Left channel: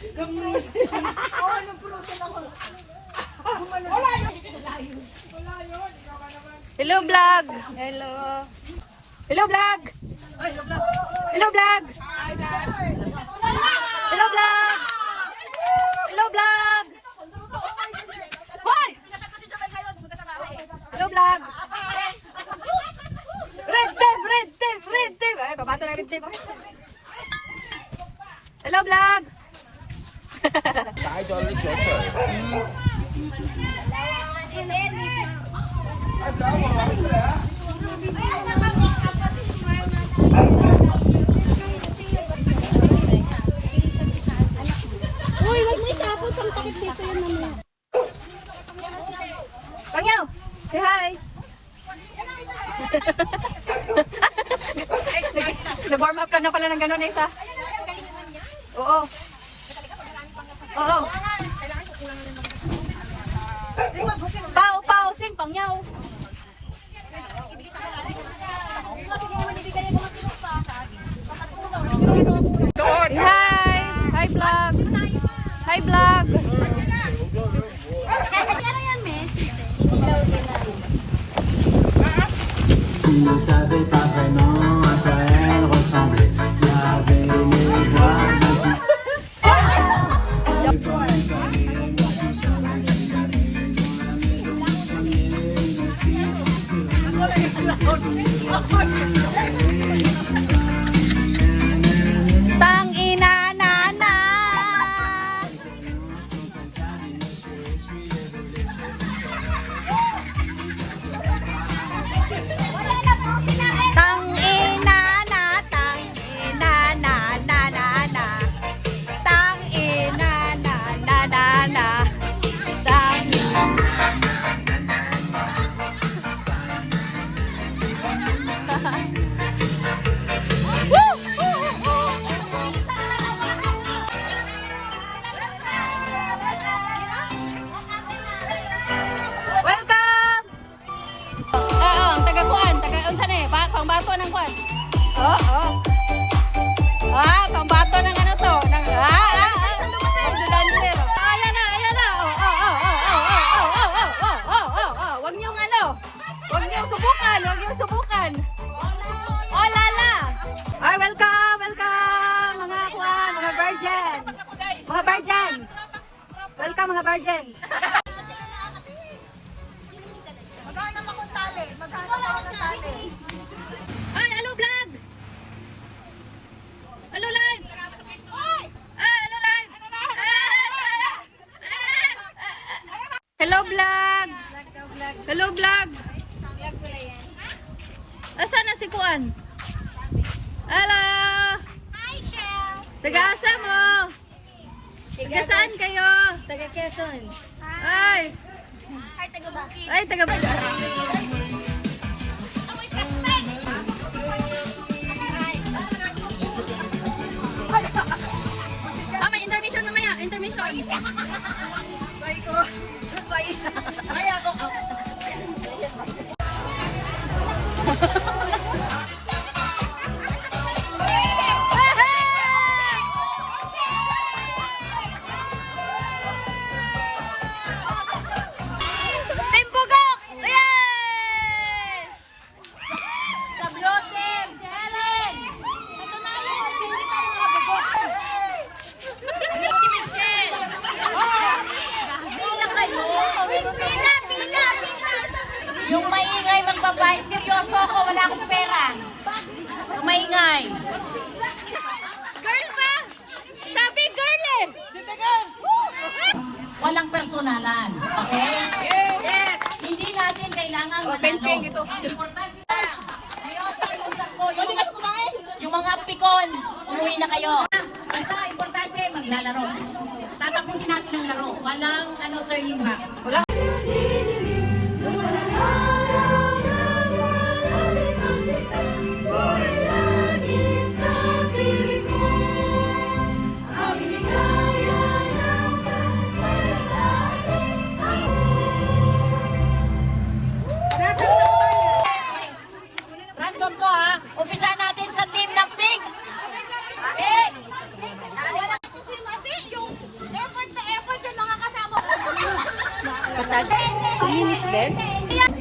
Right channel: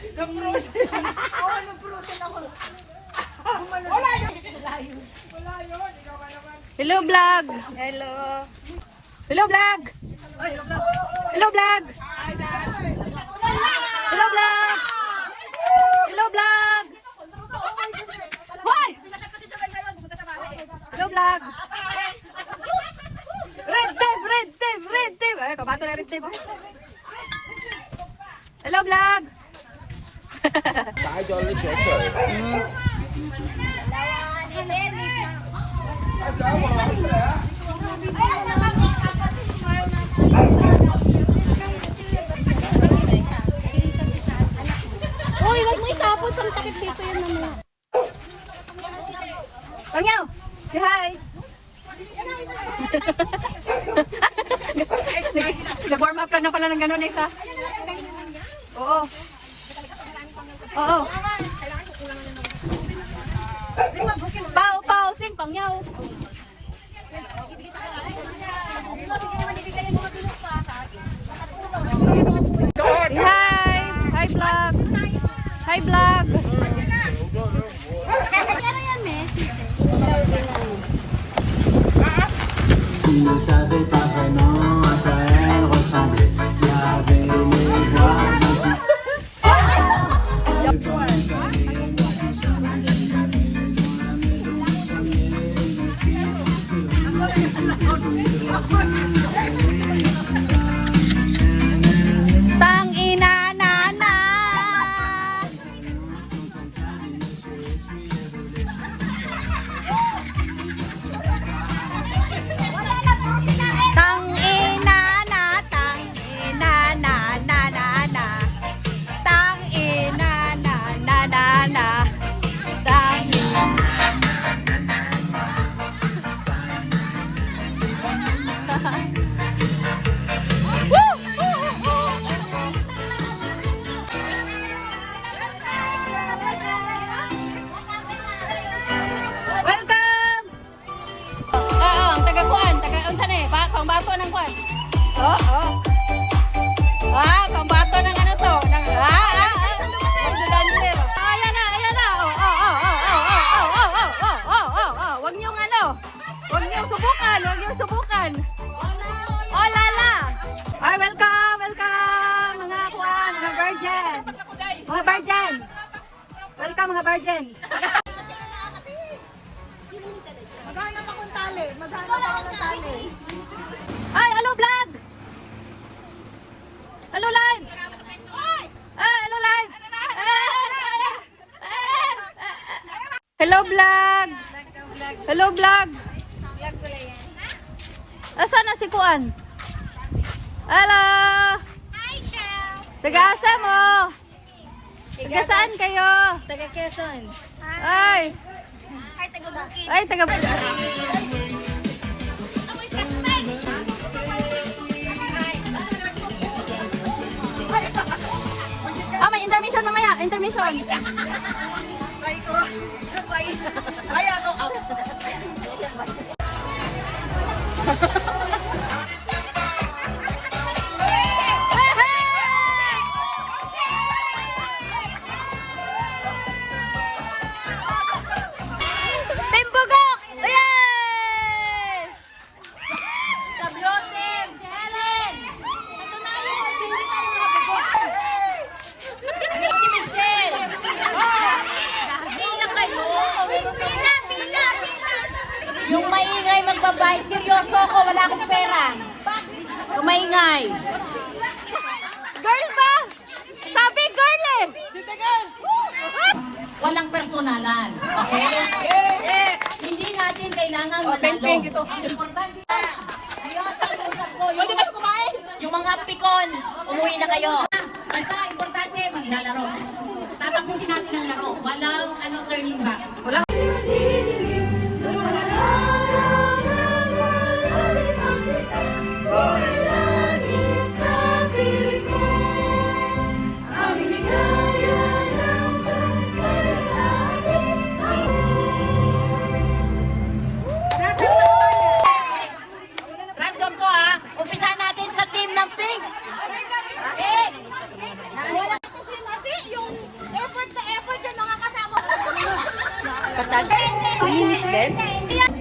Hello vlog. Hello. Hello vlog. Hello vlog. Hello vlog. Hello vlog. Hoy! Hello vlog. Red team. Ay, papato na red team. Hello vlog. Uy, wag mo itapos ang takip dito yun naman. Pangyaw. Say hi. Nag-warm up ka na pala ng gano'n, Esa? Oo. Oo. Pao, sing, pangyaw. Hi vlog. Hi vlog. Il ne savait pas vraiment à quoi elle ressemblait. Il y avait les voix Welcome mga virgin. Ay, hello vlog. Hello live. Hello live. Hello vlog. Hello vlog. Vlog pala yan. Asan na si Kuan? Hello. Hi, Chef. Taga-asa mo? Taga saan kayo? Taga Quezon. Ay. Hi, taga Bukid. Ay, taga may intermission mamaya. Intermission. Ay ko. Ay ako. Yung maingay magbabayad, seryoso ako, wala akong pera. Yung maingay. Girl ba? Sabi girl eh. Walang personalan. Okay? Hindi natin kailangan manalo. Yung mga pikon, umuwi na kayo. Basta importante, maglalaro. Tatapusin natin ang laro. Walang turning back. Walang random ko ha. Umpisa natin sa team ng pink. Okay? Minutes din?